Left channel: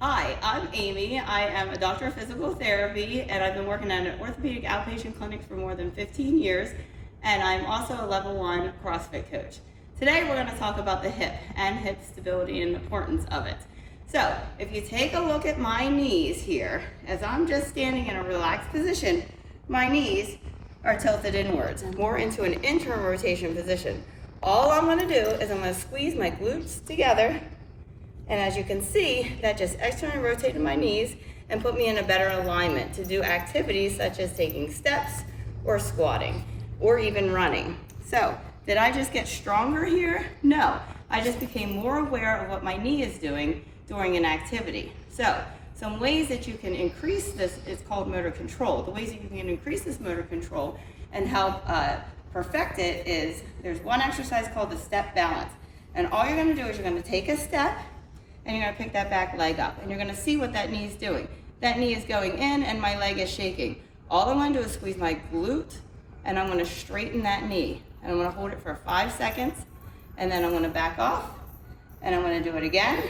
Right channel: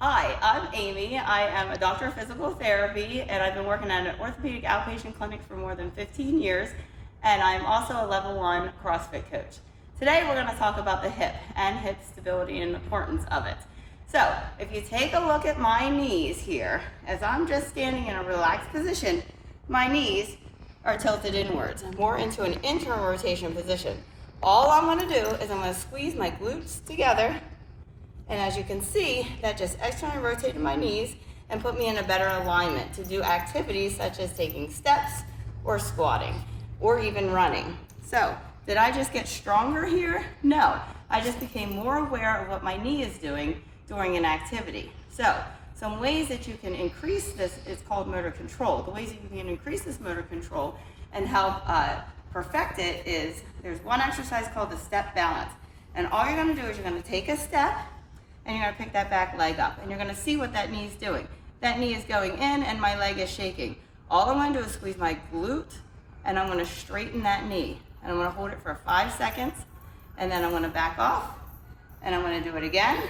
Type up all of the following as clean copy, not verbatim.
Hi, I'm Amy. I am a doctor of physical therapy and I've been working at an orthopedic outpatient clinic for more than 15 years, and I'm also a level 1 CrossFit coach. Today we're going to talk about the hip and hip stability and the importance of it. So if you take a look at my knees here, as I'm just standing in a relaxed position, my knees are tilted inwards and more into an internal rotation position. All I'm going to do is I'm going to squeeze my glutes together. And as you can see, that just externally rotated my knees and put me in a better alignment to do activities such as taking steps or squatting or even running. So, did I just get stronger here? No, I just became more aware of what my knee is doing during an activity. So, some ways that you can increase this is called motor control. The ways that you can increase this motor control and help perfect it is, there's one exercise called the step balance. And all you're gonna do is you're gonna take a step, and you're gonna pick that back leg up, and you're gonna see what that knee is doing. That knee is going in and my leg is shaking. All I'm gonna do is squeeze my glute, and I'm gonna straighten that knee. And I'm gonna hold it for 5 seconds, and then I'm gonna back off, and I'm gonna do it again,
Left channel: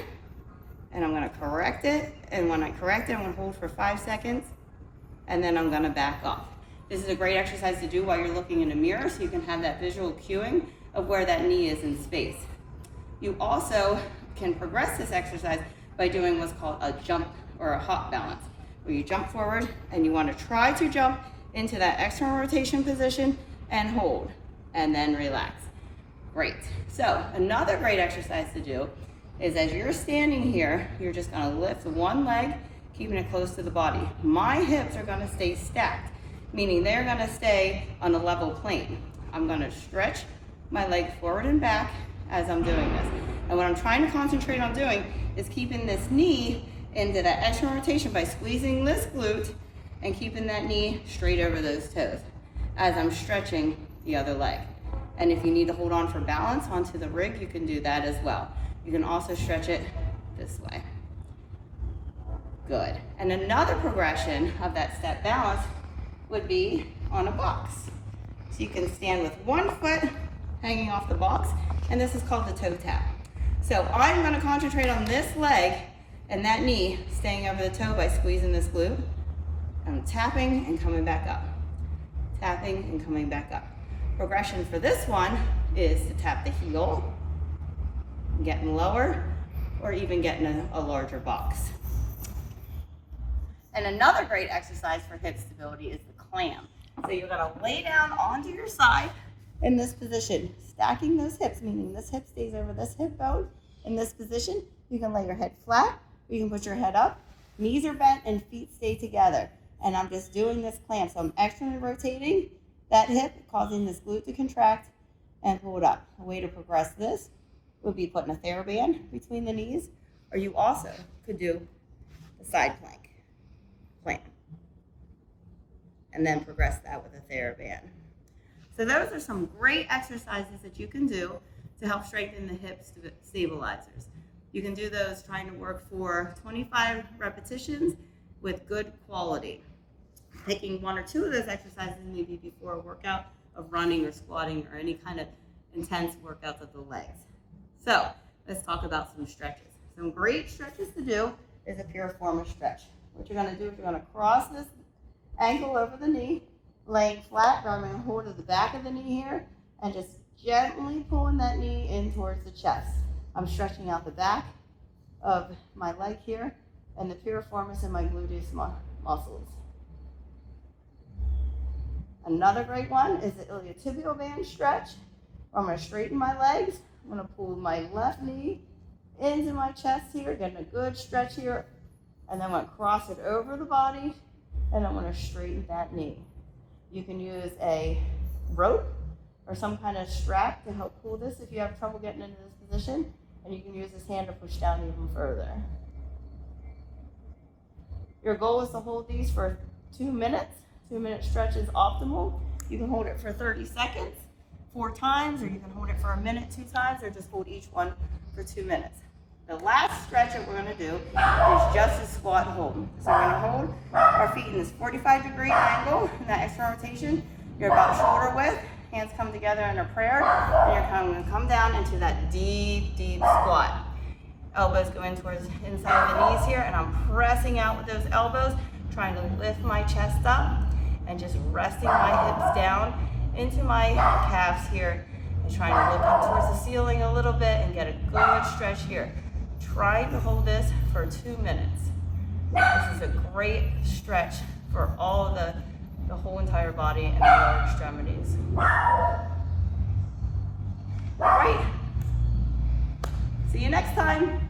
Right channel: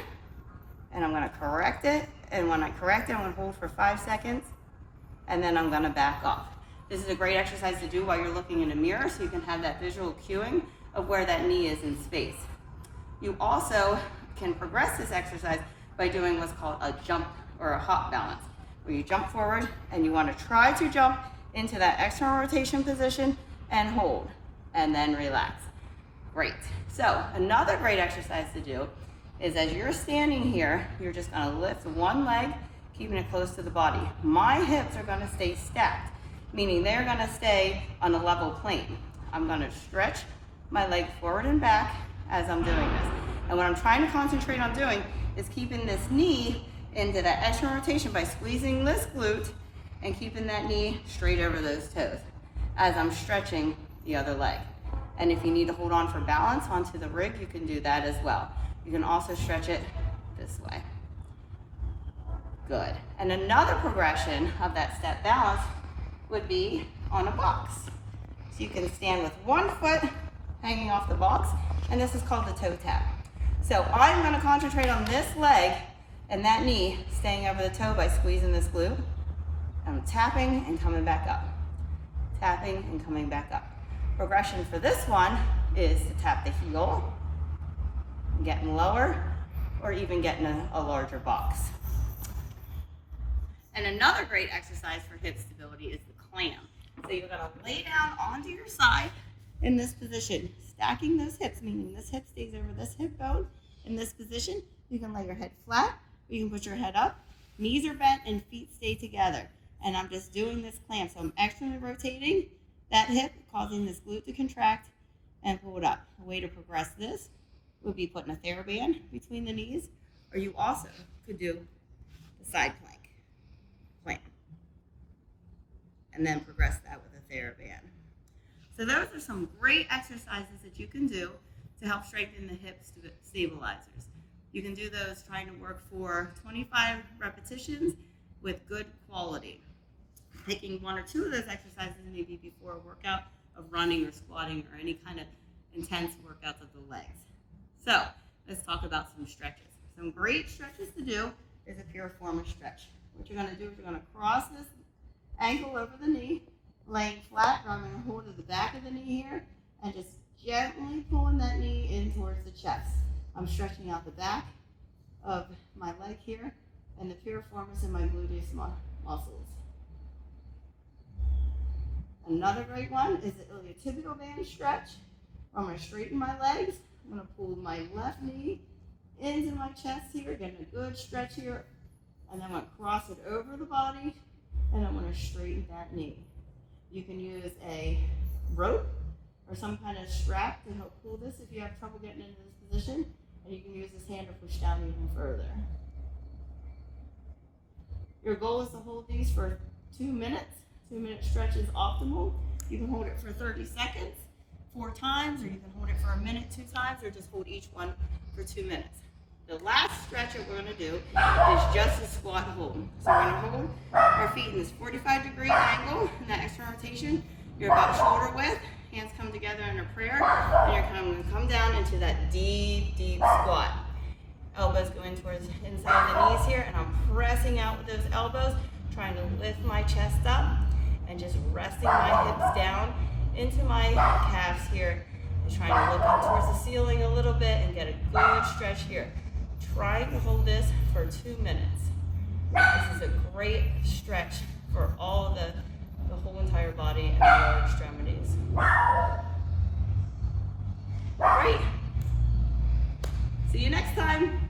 and I'm gonna correct it, and when I correct it, I'm gonna hold for 5 seconds, and then I'm gonna back off. This is a great exercise to do while you're looking in a mirror, so you can have that visual cueing of where that knee is in space. You also can progress this exercise by doing what's called a jump or a hop balance, where you jump forward and you want to try to jump into that external rotation position and hold, and then relax. Great. So another great exercise to do is as you're standing here, you're just going to lift one leg, keeping it close to the body. My hips are going to stay stacked, meaning they're going to stay on a level plane. I'm going to stretch my leg forward and back as I'm doing this. And what I'm trying to concentrate on doing is keeping this knee into that external rotation by squeezing this glute and keeping that knee straight over those toes as I'm stretching the other leg. And if you need to hold on for balance onto the rig, you can do that as well. You can also stretch it this way. Good. And another progression of that step balance would be on a box. So you can stand with one foot hanging off the box, and this is called the toe tap. So I'm going to concentrate on this leg and that knee staying over the toe by squeezing this glute. I'm tapping and coming back up. Tapping and coming back up. Progression for this one is to tap the heel, getting lower, or even getting a larger box. And another great exercise for hip stability is the clam. So you're going to lay down onto your side in this position, stacking those hips, meaning this hip stays over this hip bone. In this position, you can lay your head flat, or you can put your head up, knees are bent, and feet stay together. And I'm just doing this clam. So I'm externally rotating that hip, causing this glute to contract and pull it up. A way to progress this would be putting a TheraBand between the knees, or you also could do the side plank, clam, and then progress that with a TheraBand. So those are some great exercises that you can do to help strengthen the hip stabilizers. You can do those trying to work for 25 repetitions with good quality. Picking one or two of those exercises maybe before a workout of running or squatting or any kind of intense workouts of the legs. So let's talk about some stretches. Some great stretches to do is a piriformis stretch. What you're going to do is you're going to cross this ankle over the knee, laying flat, grabbing a hold of the back of the knee here, and just gently pulling that knee in towards the chest. I'm stretching out the back of my leg here and the piriformis and my gluteus muscles. Another great one is the iliotibial band stretch. I'm going to straighten my legs. I'm going to pull my left knee into my chest here, getting a good stretch here, and then I'm going to cross it over the body, and I'm going to straighten that knee. You can use a rope or some kind of strap to help pull this if you have trouble getting into this position, and you can use this hand to push down even further. Your goal is to hold these for 2 minutes. 2-minute stretch is optimal. You can hold it for 30 seconds 4 times, or you can hold it for a minute 2 times, or just hold each one for 2 minutes. The last stretch that we're going to do is just a squat hold. So we're going to hold our feet in this 45-degree angle in that external rotation. You're about shoulder width, hands come together in a prayer, and you're going to come down into that deep, deep squat. Elbows go in towards inside of the knees here, and I'm pressing out with those elbows, trying to lift my chest up and just resting my hips down into my calves here, and trying to look up towards the ceiling a little bit and get a good stretch here. Trying to hold this for 2 minutes. This is a great stretch for all of the whole entire body and the lower extremities. All right. See you next time.